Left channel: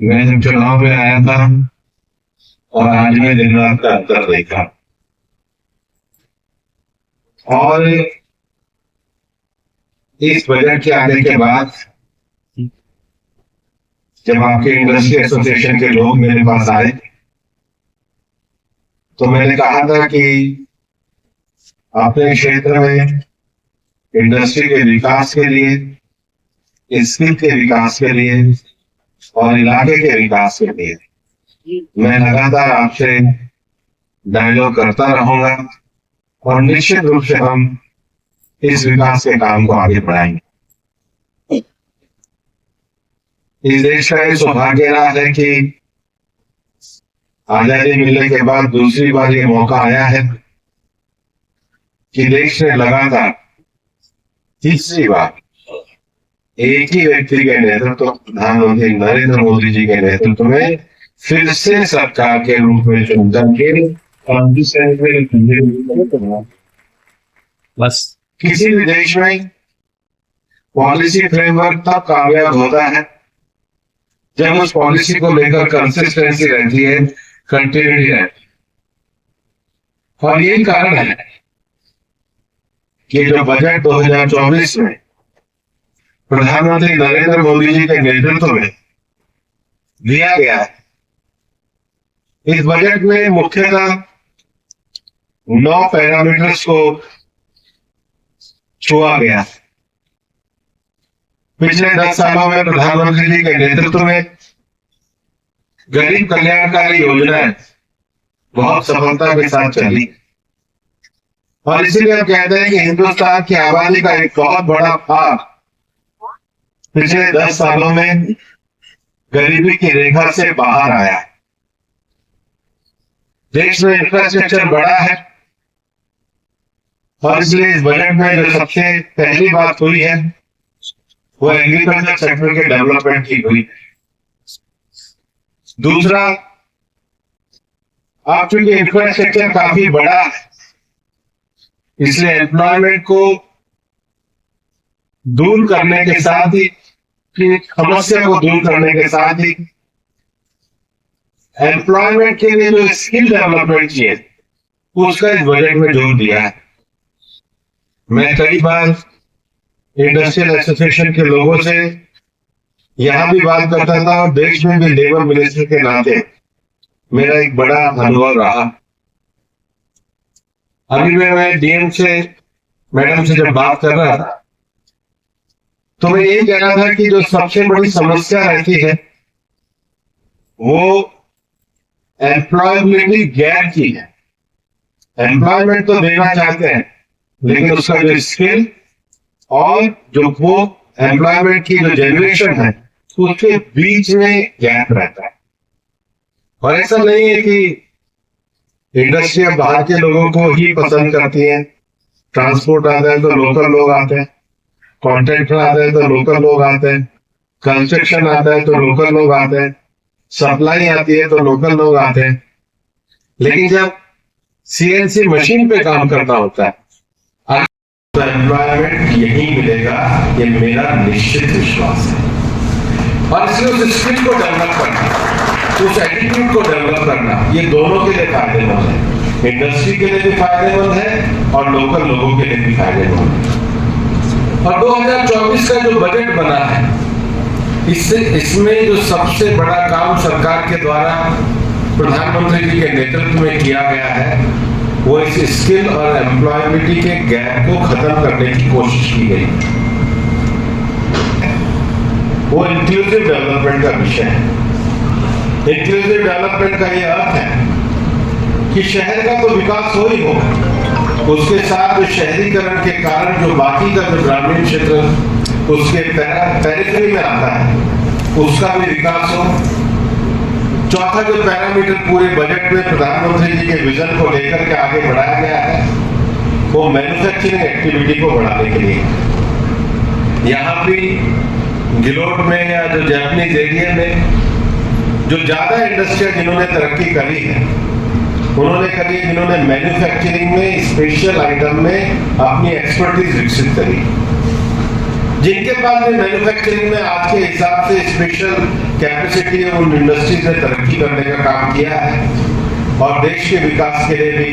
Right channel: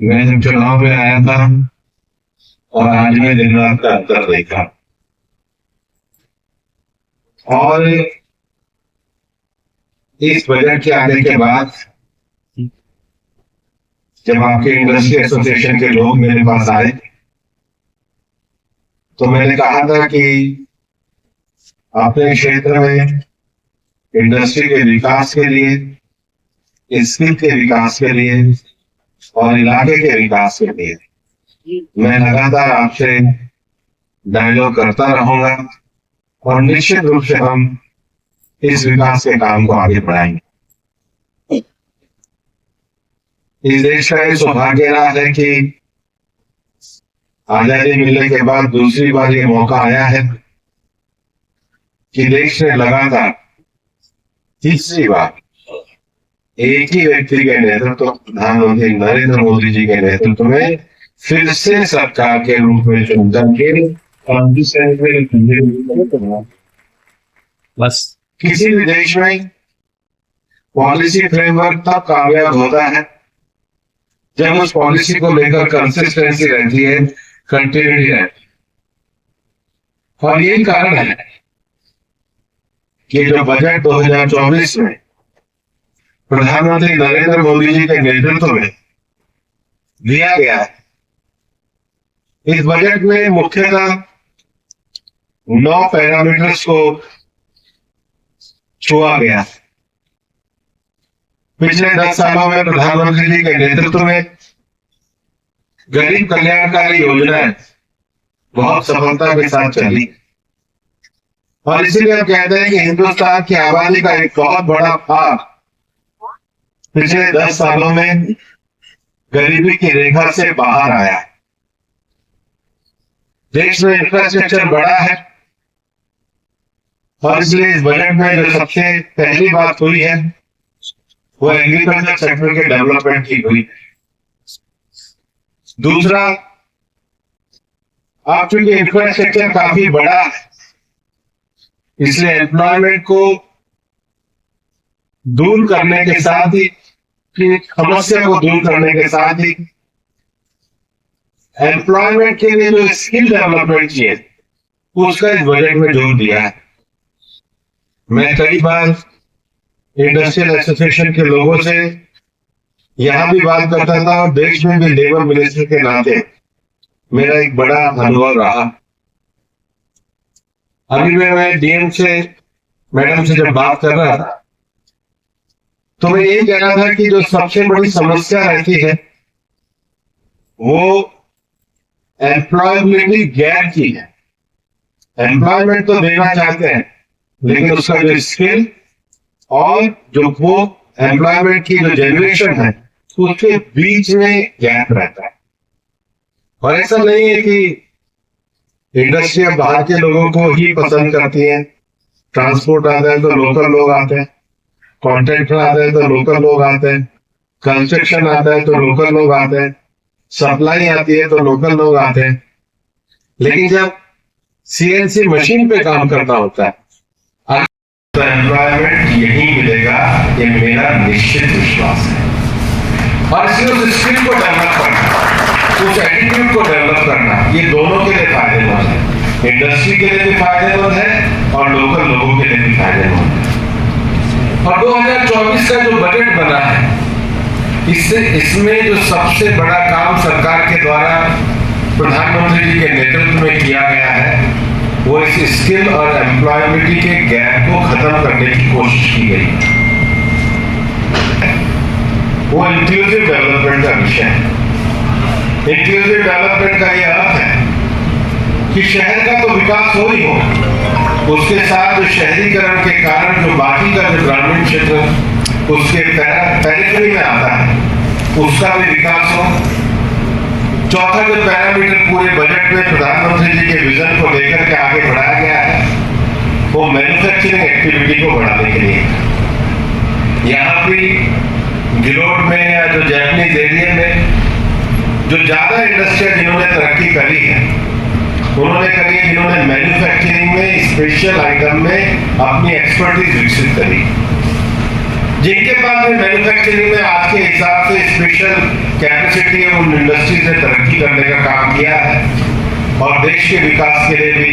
मैं जब चुनाव में आया था और आज में दिन रात का अंतर देखा। और इस बजट के आने के बाद जब आपके इंडस्ट्री एसोसिएशन के लोग मेरे पास आए तो मैंने कहा था कि अपने क्षेत्र में इंडस्ट्री के विकास के लिए, स्किल के विकास के लिए और इलाके के विकास के लिए मैं लगातार आपसे डायलॉग करता रहूंगा और निश्चित रूप से हम इस विकास के काम को आगे बढ़ाएंगे। इस देश का ये सौभाग्य रहा है कि आजादी मिलने के बाद दूसरी बार ये मौका आया है कि देश ने लगातार तीसरी बार एक ही व्यक्ति के नेतृत्व, प्रधानमंत्री नरेंद्र मोदी जी के नेतृत्व में फिर से सरकार के रूप में चुनकर बस किसी भी देश में पॉलिसी फ्रेमवर्क तब कामयाब होता है जब उस पॉलिसी को लेकर कंसिस्टेंसी रहती है, कंटिन्यूटी रहती है। और यही कारण है कि जो बजट 2024 में प्रधानमंत्री नरेंद्र मोदी जी के नेतृत्व में दिया गया है, इस बजट में मुख्यतः 9 पैरामीटर्स को छुआ गया। पिछले 10 सालों में प्रधानमंत्री जी के नेतृत्व में गरीब कल्याणकारी योजनाएं बहुत सफलता के साथ चली और इसीलिए हम कहते हैं कि हिंदुस्तान की आबादी का एक बहुत बड़ा भाग पिछले 10 सालों में गरीबी की रेखा से बाहर आया है। देश में इंफ्रास्ट्रक्चर बढ़ा है और इसलिए इस बजट में जो सबसे पहली बात हुई है वो एग्रीकल्चर सेक्टर के डेवलपमेंट की हुई। दूसरा, अब चूंकि इंफ्रास्ट्रक्चर काफी बड़ा है इसलिए एम्प्लॉयमेंट को दूर करने के साथ ही, समस्या को दूर करने के साथ ही एम्प्लॉयमेंट के लिए जो स्किल डेवलपमेंट चाहिए उसका इस बजट में जोर दिया है। मैं कई बार इंडस्ट्रियल एसोसिएशन के लोगों से यहां भी बात करता था और देश में भी लेबर मिनिस्टर के नाते मेरा एक बड़ा अनुभव रहा। अभी मैं डीएम से, मैडम से जब बात कर रहा था तो मैं ये कह रहा था कि जो सबसे बड़ी समस्या रहती है वो एम्प्लॉयबिलिटी गैप की है। एम्प्लॉयमेंट तो देना चाहते हैं लेकिन उसका जो स्किल और जो वो एम्प्लॉयमेंट की जो जनरेशन है उसके बीच में गैप रहता है। और ऐसा नहीं है कि इंडस्ट्री अब बाहर के लोगों को ही पसंद करती है। ट्रांसपोर्ट आता है तो लोकल लोग आते हैं, कॉन्ट्रैक्टर आता है तो लोकल लोग आते हैं, कंस्ट्रक्शन आता है तो लोकल लोग आते हैं, सप्लाई आती है तो लोकल लोग आते हैं। लेकिन जब सीएनसी मशीन पे काम करना होता है तो एम्प्लॉयमेंट यही मिलेगा, ये मेरा निश्चित विश्वास है। और इसलिए उस स्किल को डेवलप करना, उस एटीट्यूड को डेवलप करना, ये दोनों के लिए फायदेमंद है। इंडस्ट्री के लिए भी फायदेमंद है और लोकल लोगों के लिए भी फायदेमंद है। और 2024 का जो बजट बना है इसमें जो सबसे बड़ा काम सरकार के द्वारा प्रधानमंत्री जी के नेतृत्व में किया गया है वो इस स्किल और एम्प्लॉयबिलिटी के गैप को खत्म करने की कोशिश की गई। वो इंक्लूसिव डेवलपमेंट का विषय है। इंक्लूसिव डेवलपमेंट का यह अर्थ है कि शहर का तो विकास हो ही होगा, उसके साथ जो शहरीकरण के कारण जो बाकी का जो ग्रामीण क्षेत्र उसके पेरिफेरी में आता है उसका भी विकास हो। चौथा जो पैरामीटर पूरे बजट में प्रधानमंत्री जी के विजन को लेकर के आगे बढ़ाया गया है वो मैन्युफैक्चरिंग एक्टिविटी को बढ़ाने के लिए। यहाँ भी गिलोट में या जो जैपनीज एरिया में जो ज्यादा इंडस्ट्रियां जिन्होंने तरक्की करी है उन्होंने करी है जिन्होंने मैन्युफैक्चरिंग में, स्पेशल आइटम में अपनी एक्सपर्टीज विकसित करी। जिनके पास भी मैन्युफैक्चरिंग में आज के हिसाब से स्पेशल कैपेसिटी है, उन इंडस्ट्री से तरक्की करने का काम किया है और देश के विकास के लिए भी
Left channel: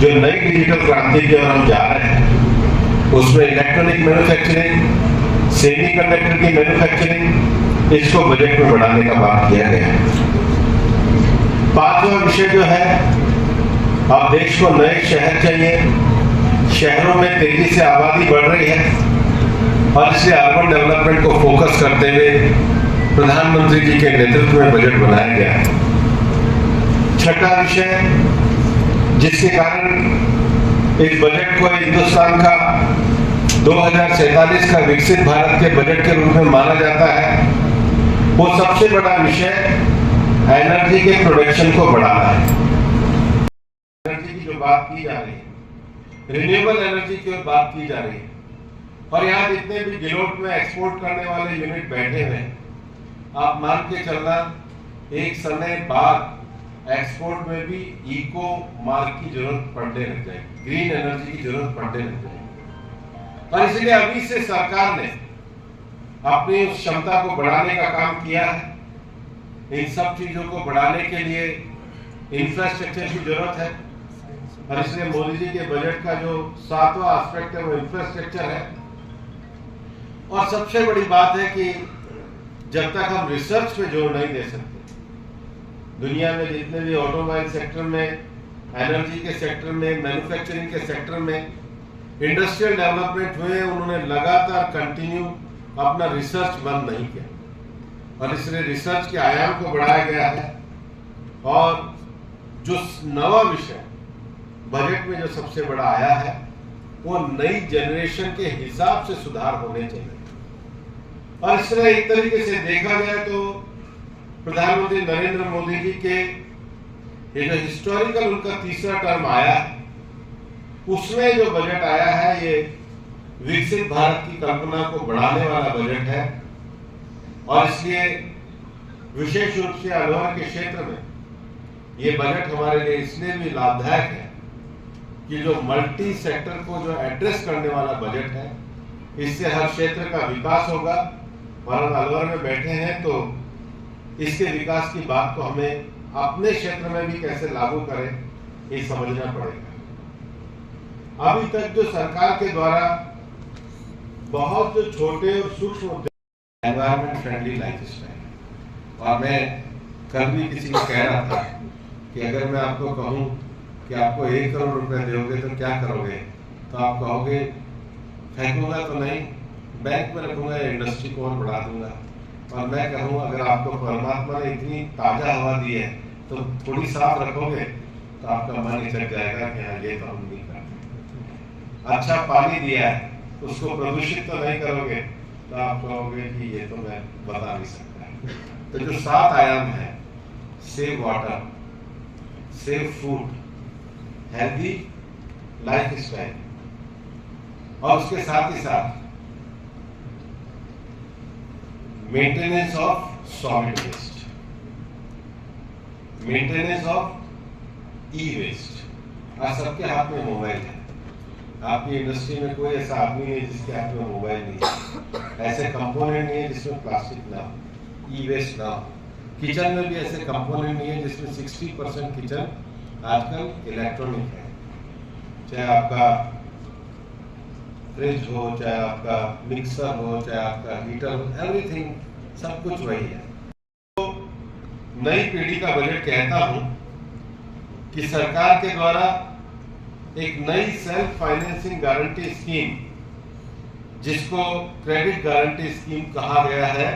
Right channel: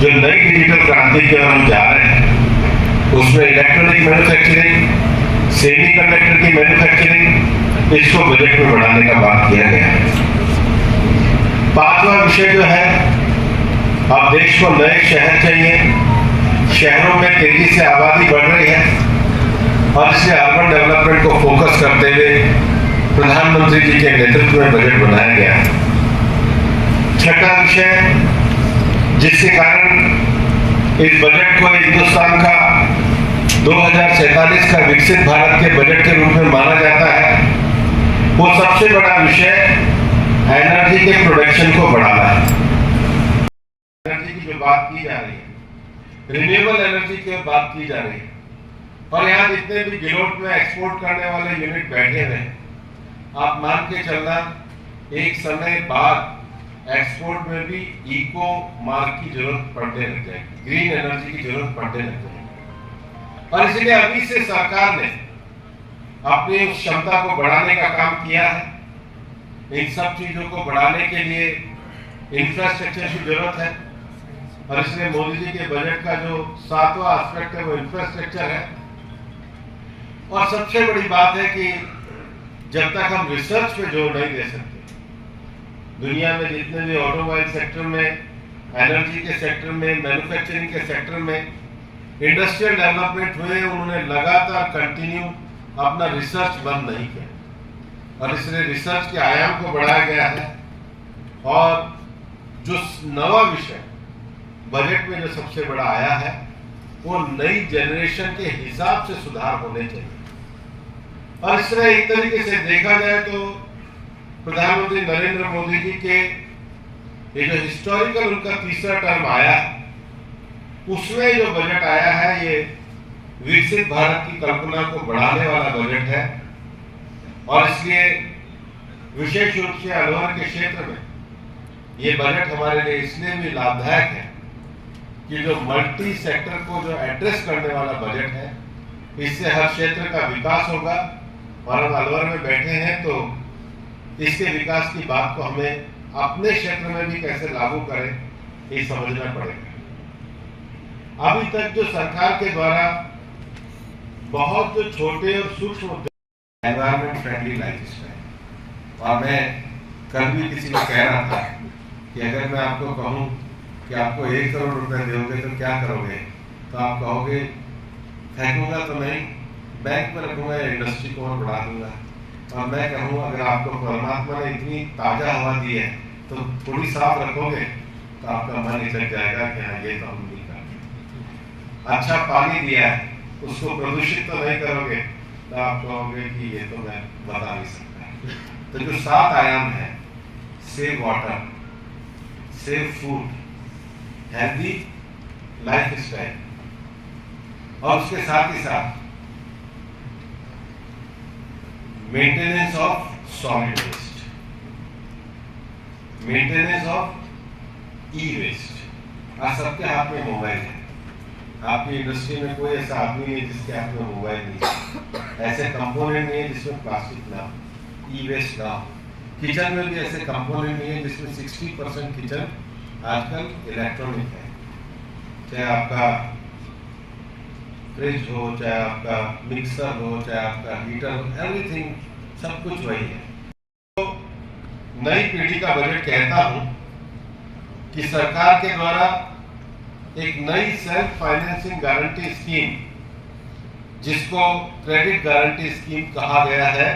जो नई डिजिटल क्रांति की ओर हम जा रहे हैं, उसमें इलेक्ट्रॉनिक मैन्युफैक्चरिंग, सेमीकंडक्टर की मैन्युफैक्चरिंग, इसको बजट में बढ़ाने का बात किया गया है। पांचवा विषय जो है, अब देश को नए शहर चाहिए। शहरों में तेजी से आबादी बढ़ रही है और इसलिए अर्बन डेवलपमेंट को फोकस करते हुए प्रधानमंत्री जी के नेतृत्व में बजट बनाया गया है। छठा विषय, जिसके कारण इस बजट को हिंदुस्तान का 2047 का विकसित भारत के बजट के रूप में माना जाता है, वो सबसे बड़ा विषय एनर्जी के प्रोडक्शन को बढ़ाना है। एनर्जी की जो बात की जा रही है, रिन्यूएबल एनर्जी की बात की जा रही है, और यहाँ जितने भी गिलोट में एक्सपोर्ट करने वाले यूनिट बैठे हुए हैं, आप मान के चलना एक समय बाद एक्सपोर्ट में भी इको मार्क की जरूरत पड़ने लग जाएगी, ग्रीन एनर्जी की जरूरत पड़ने लग जाएगी। और इसलिए अभी से सरकार ने अपनी उस क्षमता को बढ़ाने का काम किया है। इन सब चीजों को बढ़ाने के लिए इंफ्रास्ट्रक्चर की जरूरत है और इसलिए मोदी जी के बजट का जो 7वां एस्पेक्ट है वो इंफ्रास्ट्रक्चर है। और सबसे बड़ी बात है कि जब तक हम रिसर्च पे जोर नहीं दे सकते, दुनिया में जितने भी ऑटोमोबाइल सेक्टर में, एनर्जी के सेक्टर में, मैन्युफैक्चरिंग के सेक्टर में इंडस्ट्रियल डेवलपमेंट हुए, उन्होंने लगातार कंटिन्यू अपना रिसर्च बंद नहीं किया और इसलिए रिसर्च के आयाम को बढ़ाया गया है। और जो नवा विषय बजट में जो सबसे बड़ा आया है, वो नई जनरेशन के हिसाब से सुधार होने चाहिए। और इसलिए एक तरीके से देखा जाए तो प्रधानमंत्री नरेंद्र मोदी जी के ये जो हिस्टोरिकल उनका तीसरा टर्म आया, उसमें जो बजट आया है, ये विकसित भारत की कल्पना को बढ़ाने वाला बजट है। और इसलिए विशेष रूप से अलवर के क्षेत्र में ये बजट हमारे लिए इसलिए भी लाभदायक है कि जो मल्टी सेक्टर को जो एड्रेस करने वाला बजट है, इससे हर क्षेत्र का विकास होगा। और हम अलवर में बैठे हैं तो इसके विकास की बात को हमें अपने क्षेत्र में भी कैसे लागू करें, ये समझना पड़ेगा। अभी तक जो सरकार के द्वारा बहुत जो छोटे और सूक्ष्म एनवायरमेंट फ्रेंडली लाइफस्टाइल, और मैं कल भी किसी को कह रहा था कि अगर मैं आपको कहूं कि आपको 1 करोड़ रुपए दोगे तो क्या करोगे, तो आप कहोगे फेंकूंगा तो नहीं, बैंक में रखूंगा, इंडस्ट्री को और बढ़ा दूंगा। और मैं कहूँ अगर आपको परमात्मा ने इतनी ताजा हवा दी है तो थोड़ी साफ रखोगे तो आपका मन हिचक जाएगा कि हाँ ये तो हम नहीं करते। अच्छा पानी दिया है, उसको प्रदूषित तो नहीं करोगे, तो आप कहोगे कि ये तो मैं बता नहीं सकता। तो जो 7 आयाम है, save water, save food, healthy lifestyle, और उसके साथ ही साथ maintenance of solid waste, maintenance of e waste. आज सबके हाथ में मोबाइल है, आपकी इंडस्ट्री में कोई ऐसा आदमी नहीं है जिसके हाथ में मोबाइल नहीं है, ऐसे कंपोनेंट नहीं है जिसमें प्लास्टिक ना हो, ई वेस्ट ना हो। किचन में भी ऐसे कंपोनेंट नहीं है जिसमें 60% किचन आजकल इलेक्ट्रॉनिक है, चाहे आपका फ्रिज हो, चाहे आपका मिक्सर हो, चाहे आपका हीटर हो, एवरीथिंग सब कुछ वही है। तो नई पीढ़ी का बजट कहता हूं कि सरकार के द्वारा एक नई सेल्फ फाइनेंसिंग गारंटी स्कीम, जिसको क्रेडिट गारंटी स्कीम कहा गया है,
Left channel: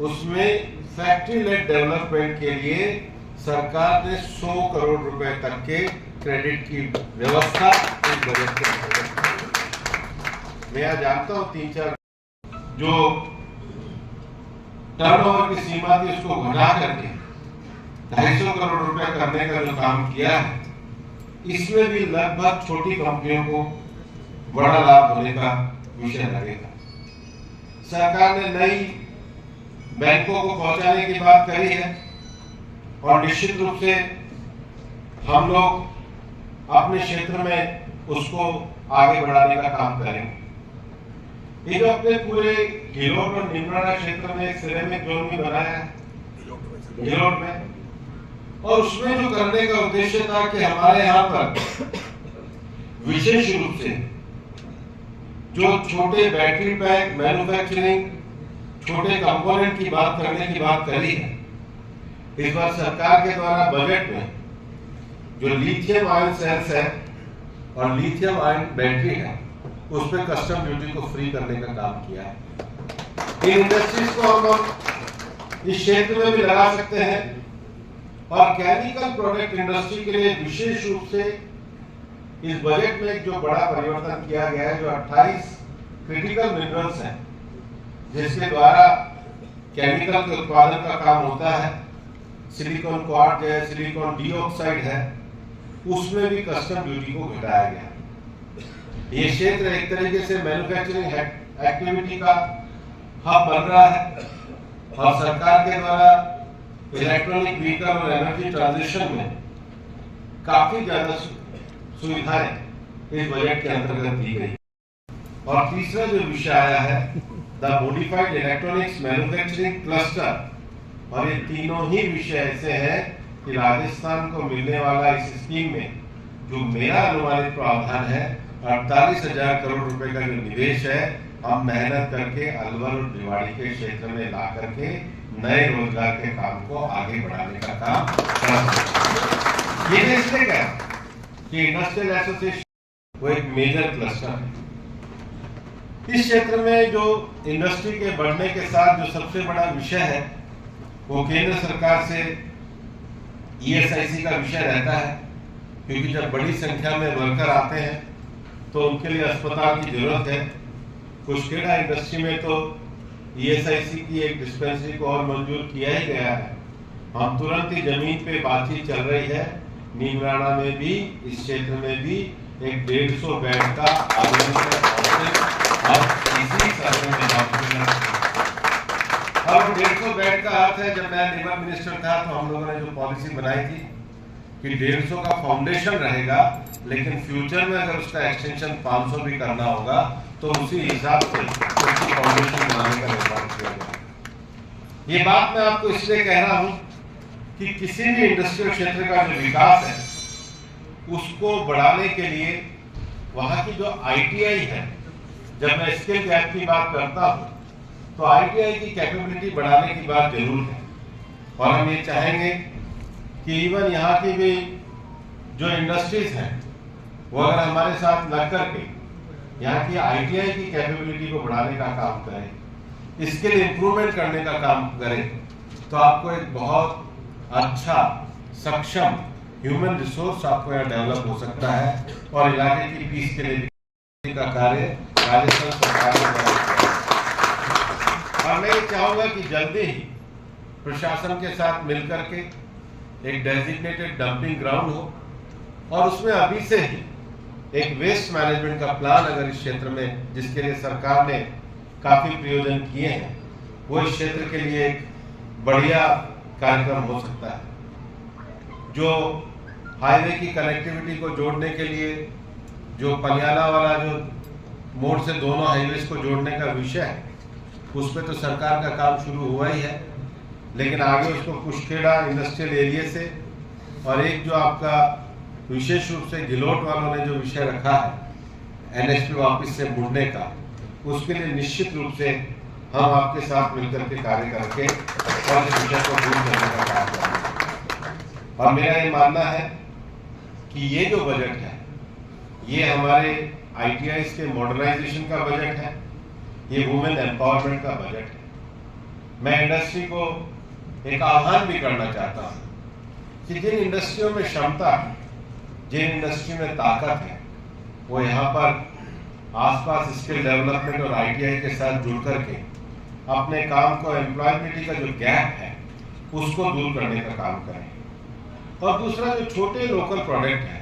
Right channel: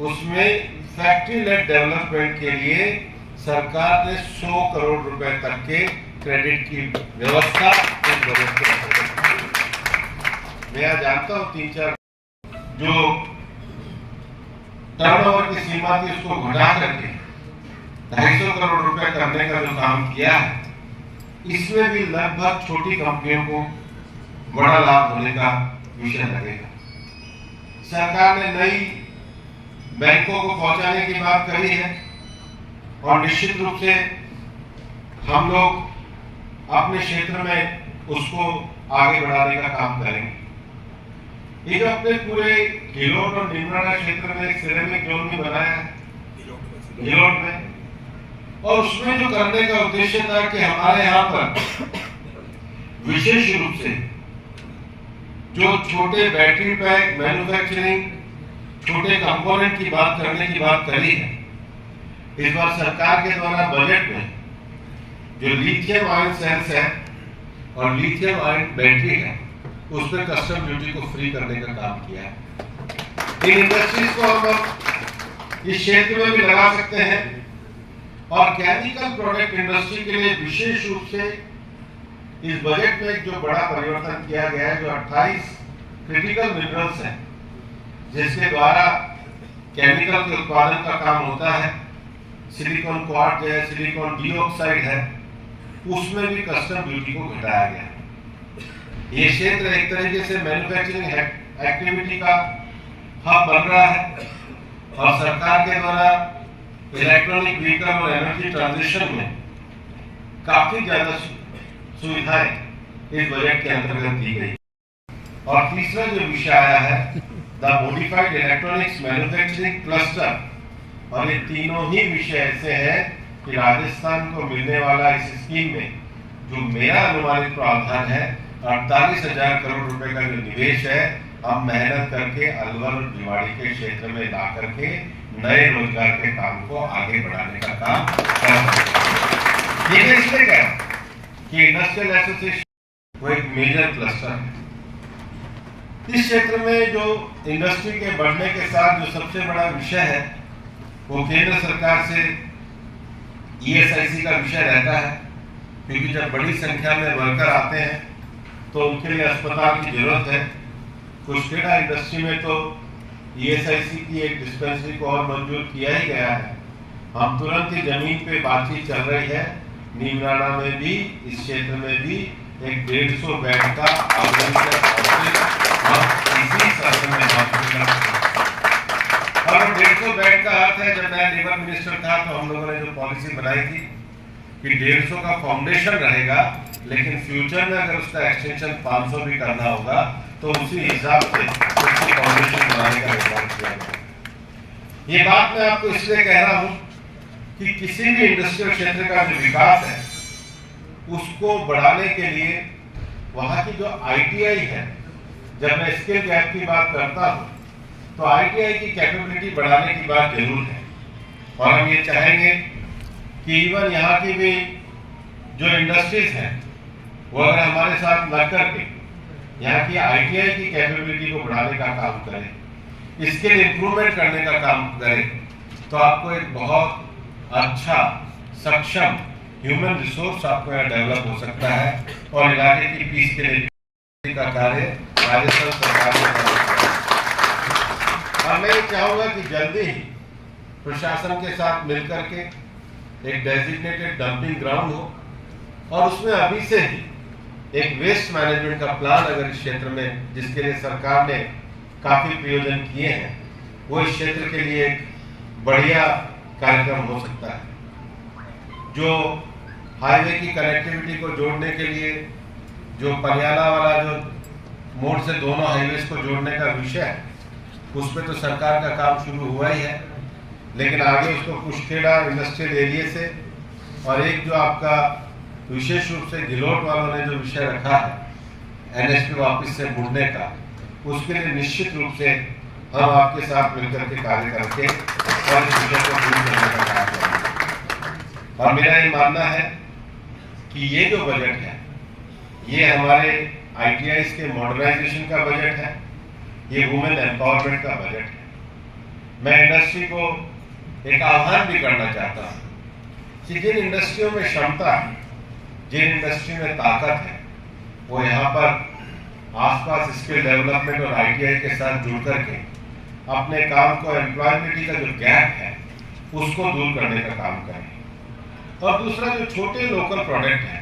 उसमें फैक्ट्री लेड डेवलपमेंट के लिए सरकार ने 100 करोड़ रुपए तक के क्रेडिट की व्यवस्था इस बजट के अंतर्गत की। मैं जानता हूं 3-4 जो टर्नओवर की सीमा थी उसको घटा करके 250 करोड़ रुपए करने का जो काम किया है, इसमें भी लगभग छोटी कंपनियों को बड़ा लाभ होने का विषय लगेगा। सरकार ने नई बैंकों को पहुंचाने की बात करी है और निश्चित रूप से हम लोग अपने क्षेत्र में उसको आगे बढ़ाने का काम करेंगे। ये जो अपने पूरे घिलोट और निमराना क्षेत्र में एक सिरेमिक जोन भी बनाया है घिलोट में, और उसमें जो करने का उद्देश्य था कि हमारे यहाँ पर विशेष रूप से जो छोटे बैटरी पैक मैन्युफैक्चरिंग, छोटे कंपोनेंट की बात करने की बात करी है, इस बार सरकार के द्वारा बजट में जो लिथियम आयन सेल्स है और लिथियम आयन बैटरी है, उस पर कस्टम ड्यूटी को फ्री करने का काम किया है। इन इंडस्ट्रीज को हम इस क्षेत्र में भी लगा सकते हैं, और केमिकल प्रोडक्ट इंडस्ट्री के लिए विशेष रूप से इस बजट में एक जो बड़ा परिवर्तन किया गया है, जो 28 क्रिटिकल मिनरल्स हैं जिसके द्वारा केमिकल के उत्पादन का काम होता है, सिलिकॉन क्वार्ट्ज है, सिलिकॉन डाइऑक्साइड है, उसमें भी कस्टम ड्यूटी को घटाया गया। ये क्षेत्र एक तरीके से मैन्युफैक्चरिंग एक्टिविटी का हब बन रहा है, और सरकार के द्वारा इलेक्ट्रॉनिक व्हीकल और एनर्जी ट्रांजिशन में काफी ज्यादा सुविधाएं इस बजट के अंतर्गत दी गई। और तीसरा जो विषय आया है the modified electronics manufacturing cluster, और ये तीनों ही विषय ऐसे हैं कि राजस्थान को मिलने वाला इस स्कीम में जो मेरा अनुमानित प्रावधान है 48,000 करोड़ रुपए का जो निवेश है, हम मेहनत करके अलवर और भिवाड़ी के क्षेत्र में ला करके नए रोजगार के काम को आगे बढ़ाने का काम कर सकते हैं। ये इसलिए क्या कि इंडस्ट्रियल एसोसिएशन वो एक मेजर क्लस्टर है। इस क्षेत्र में जो इंडस्ट्री के बढ़ने के साथ जो सबसे बड़ा विषय है वो केंद्र सरकार से ईएसआईसी का विषय रहता है, क्योंकि जब बड़ी संख्या में वर्कर आते हैं तो उनके लिए अस्पताल की जरूरत है। कुशकेड़ा इंडस्ट्री में तो ईएसआईसी की एक डिस्पेंसरी को और मंजूर किया ही गया है। हम तुरंत ही जमीन पे बातचीत चल रही है, नीमराना में भी, इस क्षेत्र में भी एक 150 बेड का और 150 बेड का अर्थ है, जब मैं लेबर मिनिस्टर था तो हम लोगों ने जो पॉलिसी बनाई थी कि 150 का फाउंडेशन रहेगा, लेकिन फ्यूचर में अगर उसका एक्सटेंशन 500 भी करना होगा तो उसी हिसाब से उसकी फाउंडेशन बनाने का निर्माण किया जाए। ये बात मैं आपको इसलिए कह रहा हूं कि किसी भी इंडस्ट्रियल क्षेत्र का जो विकास है उसको बढ़ाने के लिए वहां की जो आईटीआई है, जब मैं स्किल गैप की बात करता हूं तो आईटीआई की कैपेबिलिटी बढ़ाने की बात जरूर है। और हम ये चाहेंगे कि इवन यहाँ की भी जो इंडस्ट्रीज हैं वो अगर हमारे साथ लग करके यहाँ की आईटीआई की कैपेबिलिटी को बढ़ाने का काम करें, स्किल इंप्रूवमेंट करने का काम करें, तो आपको एक बहुत अच्छा सक्षम ह्यूमन रिसोर्स आपको यहाँ डेवलप हो सकता है, और इलाके की पीस के लिए का कार्य राजस्थान सरकार ने। और मैं चाहूंगा कि जल्दी ही प्रशासन के साथ मिलकर के एक डेजिग्नेटेड डंपिंग ग्राउंड हो, और उसमें अभी से ही एक वेस्ट मैनेजमेंट का प्लान अगर इस क्षेत्र में, जिसके लिए सरकार ने काफी प्रयोजन किए हैं, वो इस क्षेत्र के लिए एक बढ़िया कार्यक्रम हो सकता है। जो हाईवे की कनेक्टिविटी को जोड़ने के लिए जो पलियाला वाला जो मोड़ से दोनों हाईवेज को जोड़ने का विषय है, उस पर तो सरकार का काम शुरू हुआ ही है, लेकिन आगे उसको कुशकेड़ा इंडस्ट्रियल एरिया से, और एक जो आपका विशेष रूप से घिलोट वालों ने जो विषय रखा है एनएसपी वापस से मुड़ने का, उसके लिए निश्चित रूप से हम आपके साथ मिलकर के कार्य करके और इस विषय को दूर करने का काम करेंगे। और मेरा ये मानना है कि ये जो बजट है ये हमारे आईटीआईज के मॉडर्नाइजेशन का बजट है, ये वुमेन एम्पावरमेंट का बजट है। मैं इंडस्ट्री को एक आह्वान भी करना चाहता हूँ कि जिन इंडस्ट्रियों में क्षमता है, जिन इंडस्ट्री में ताकत है, वो यहाँ पर आसपास स्किल डेवलपमेंट और आईटीआई के साथ जुड़ करके अपने काम को, एम्प्लॉयबिलिटी का जो गैप है उसको दूर करने का काम करें। और दूसरा जो छोटे लोकल प्रोडक्ट है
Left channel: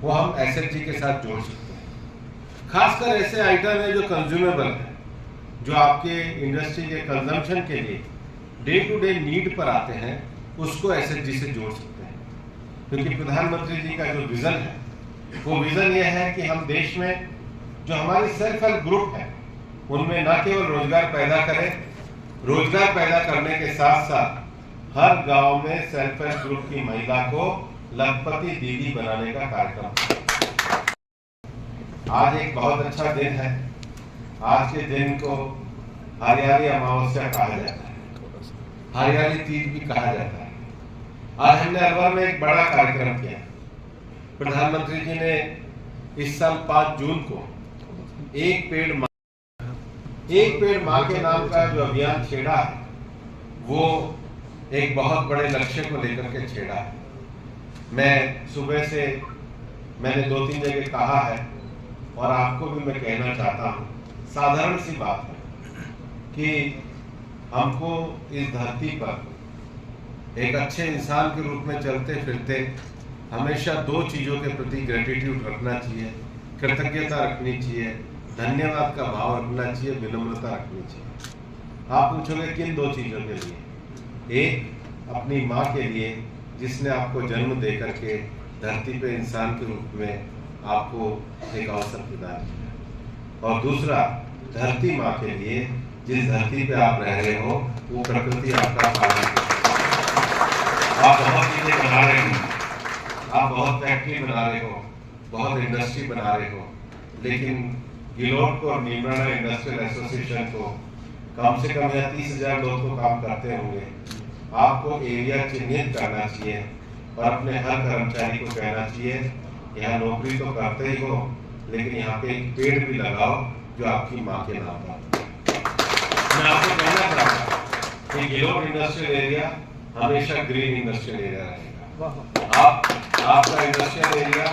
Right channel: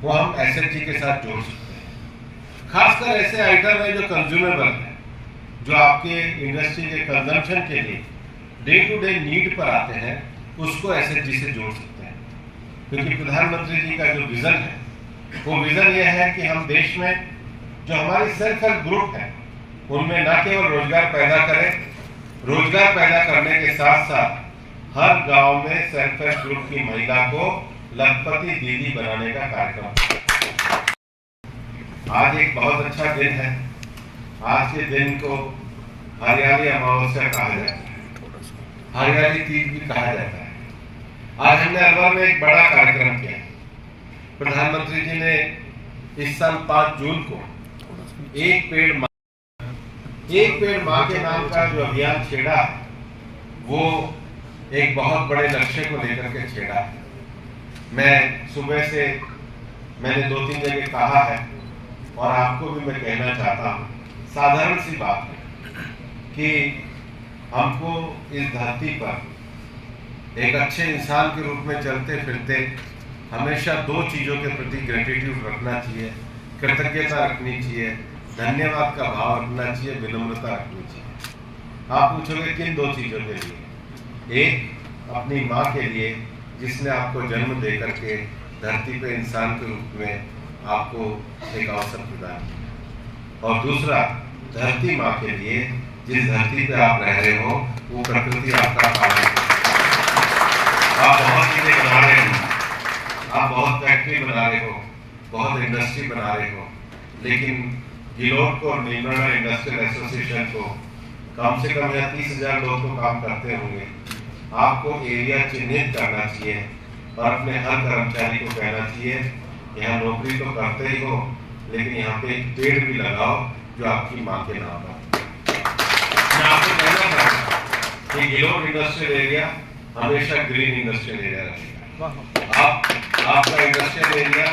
वो हम एसएचजी के साथ जोड़ सकते हैं। खासकर ऐसे आइटम है जो कंज्यूमेबल है, जो आपके इंडस्ट्री के कंजम्पशन के लिए डे टू डे नीड पर आते हैं, उसको एसएचजी से जोड़ सकते हैं। क्योंकि प्रधानमंत्री जी का जो विजन है वो विजन ये है कि हम देश में जो हमारी सेल्फ हेल्प ग्रुप है उनमें न केवल रोजगार पैदा करें, रोजगार पैदा करने के साथ साथ हर गांव में सेल्फ हेल्प ग्रुप की महिला को लखपति दीदी बनाने का कार्यक्रम। आज एक बहुत अच्छा दिन है। आज के दिन को हरियाली अमावस्या कहा जाता है, हरियाली तीज भी कहा जाता है। आज हमने अलवर में एक बड़ा कार्यक्रम किया। प्रधानमंत्री जी ने इस साल 5 जून को एक पेड़ माँ के नाम का जो अभियान छेड़ा है, वो एक बहुत बड़े लक्ष्य को लेकर के छेड़ा है। मैं सुबह से मैंने 2-3 जगह कहा है और आपको भी मैं कहना चाहता हूँ, साधारण सी बात है कि हमको इस धरती पर एक अच्छे इंसान के रूप में चलते फिरते हमेशा 2 चीजों के प्रति ग्रेटिट्यूड रखना चाहिए, कृतज्ञता रखनी चाहिए, धन्यवाद का भाव रखना चाहिए, विनम्रता रखनी चाहिए। आप पूछोगे किन 2 चीजों के लिए? एक, अपनी माँ के लिए जिसने आपको जन्म दे करके धरती पे इंसान के रूप में आपको एक अवसर प्रदान किया, और दूसरा धरती माँ के लिए जिस धरती पे आप रह रहे हो वो प्रकृति आपका पालन करती है। आप बहुत चीजें बना रहे हो, आप बहुत फैक्ट्री बना रहे हो, बहुत इंडस्ट्री बना रहे हो, लेकिन गिलोट को और नीमराना इंडस्ट्रियल एसोसिएशन को कम से कम यहाँ 30,000 लोग तो काम करते होंगे। आपको एरिया चिन्हित करना चाहिए और अपने हर कर्मचारी को कहना चाहिए यहाँ नौकरी तो करते ही हो, लेकिन यहाँ पे एक पेड़ भी लगाओ जो आपकी माँ के नाम पर। मैं आपको कहना चाहता हूँ कि गिलोट इंडस्ट्रियल एरिया हमेशा ग्रीन इंडस्ट्रियल एरिया रहेगा। आपका इंडस्ट्रियल एरिया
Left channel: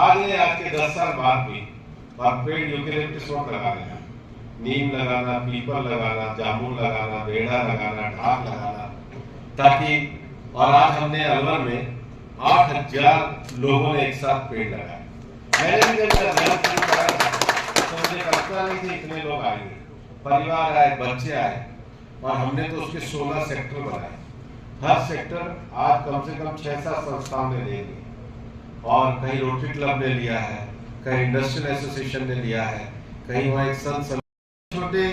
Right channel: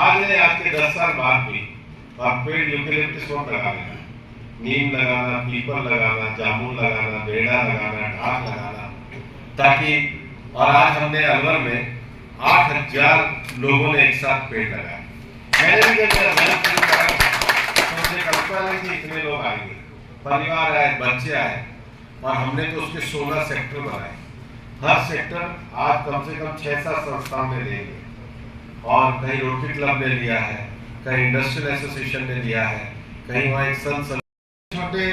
आज के 10 साल बाद भी आप पेड़ यूकेलिप्टस लगा देना, नीम लगाना, पीपल लगाना, जामुन लगाना, बेड़ा लगाना, ढाक लगाना, ताकि। और आज हमने अलवर में 8,000 लोगों ने एक साथ पेड़ लगाया। मैंने भी जब मेहनत शुरू करा तो मुझे कल्पना नहीं थी इतने लोग आएंगे, परिवार आए, बच्चे आए, और हमने तो उसके 16 सेक्टर बनाए। हर सेक्टर आज कम से कम 6-7 संस्थाओं ने ले लिया, और कहीं रोटरी क्लब ने लिया है, कहीं इंडस्ट्रियल एसोसिएशन ने लिया है, कहीं वहाँ एक संत। छोटे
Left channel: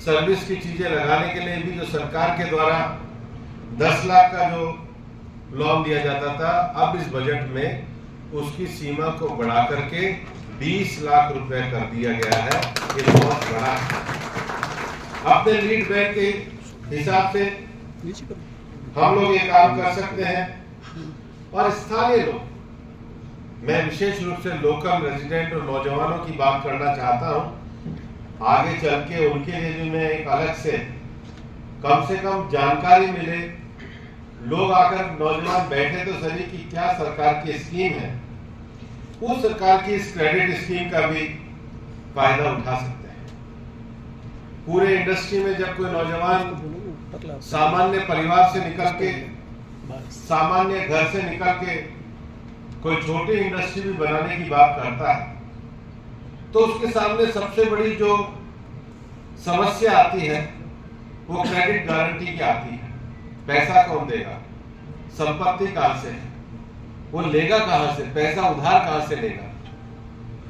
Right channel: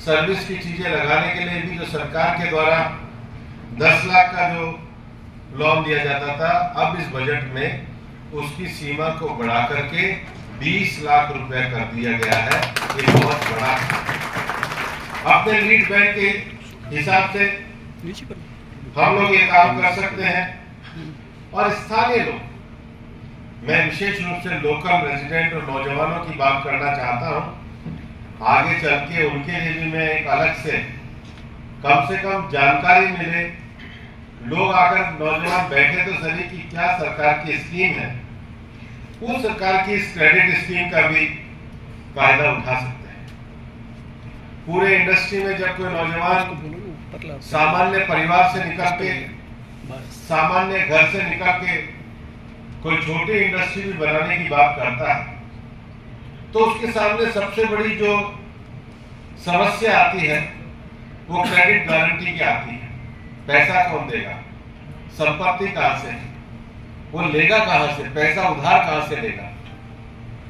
सर्विस की चीजें लगाने के लिए भी जो सरकार के द्वारा 10 लाख का जो लोन दिया जाता था, अब इस बजट में उसकी सीमा को बढ़ा करके 20 लाख रुपए कर दिया गया है। ये बहुत बड़ा। अपने लीड बैंक के हिसाब से हम लोग ये काम कर सकते हैं, और स्थानीय लोग, मैं विशेष रूप से लोकल रेजिडेंट और नौजवानों की बात करना चाहता हूं। आगे चल के उनके लिए भी मैं एक अलग से कम जानकारी मिले, लोग आकर नौजवान बैठे तो सही कि क्या सरकार की स्कीम है, उस सरकार की इस क्रेडिट स्कीम का भी फायदा उठा सकते हैं। पूरे इंडस्ट्री में जब कोई नौजवान सामान्य परिवार से निकल के, सामान्य घर से निकल के कोई छोटी इंडस्ट्री भी बनाने की बात करता है, तो उसके सामने सबसे बड़ी जो समस्या आती है वो क्रेडिट गारंटी की आती है। पैसा कौन देगा, संपत्ति कहां से, वो लेगा कहां से, पैसा उधार कहां से लेगा।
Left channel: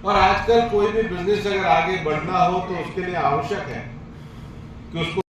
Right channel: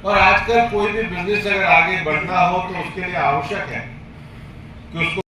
और आजकल कोई भी बिजनेस अगर आगे बढ़ना हो तो उसके लिए आवश्यक है कि उसको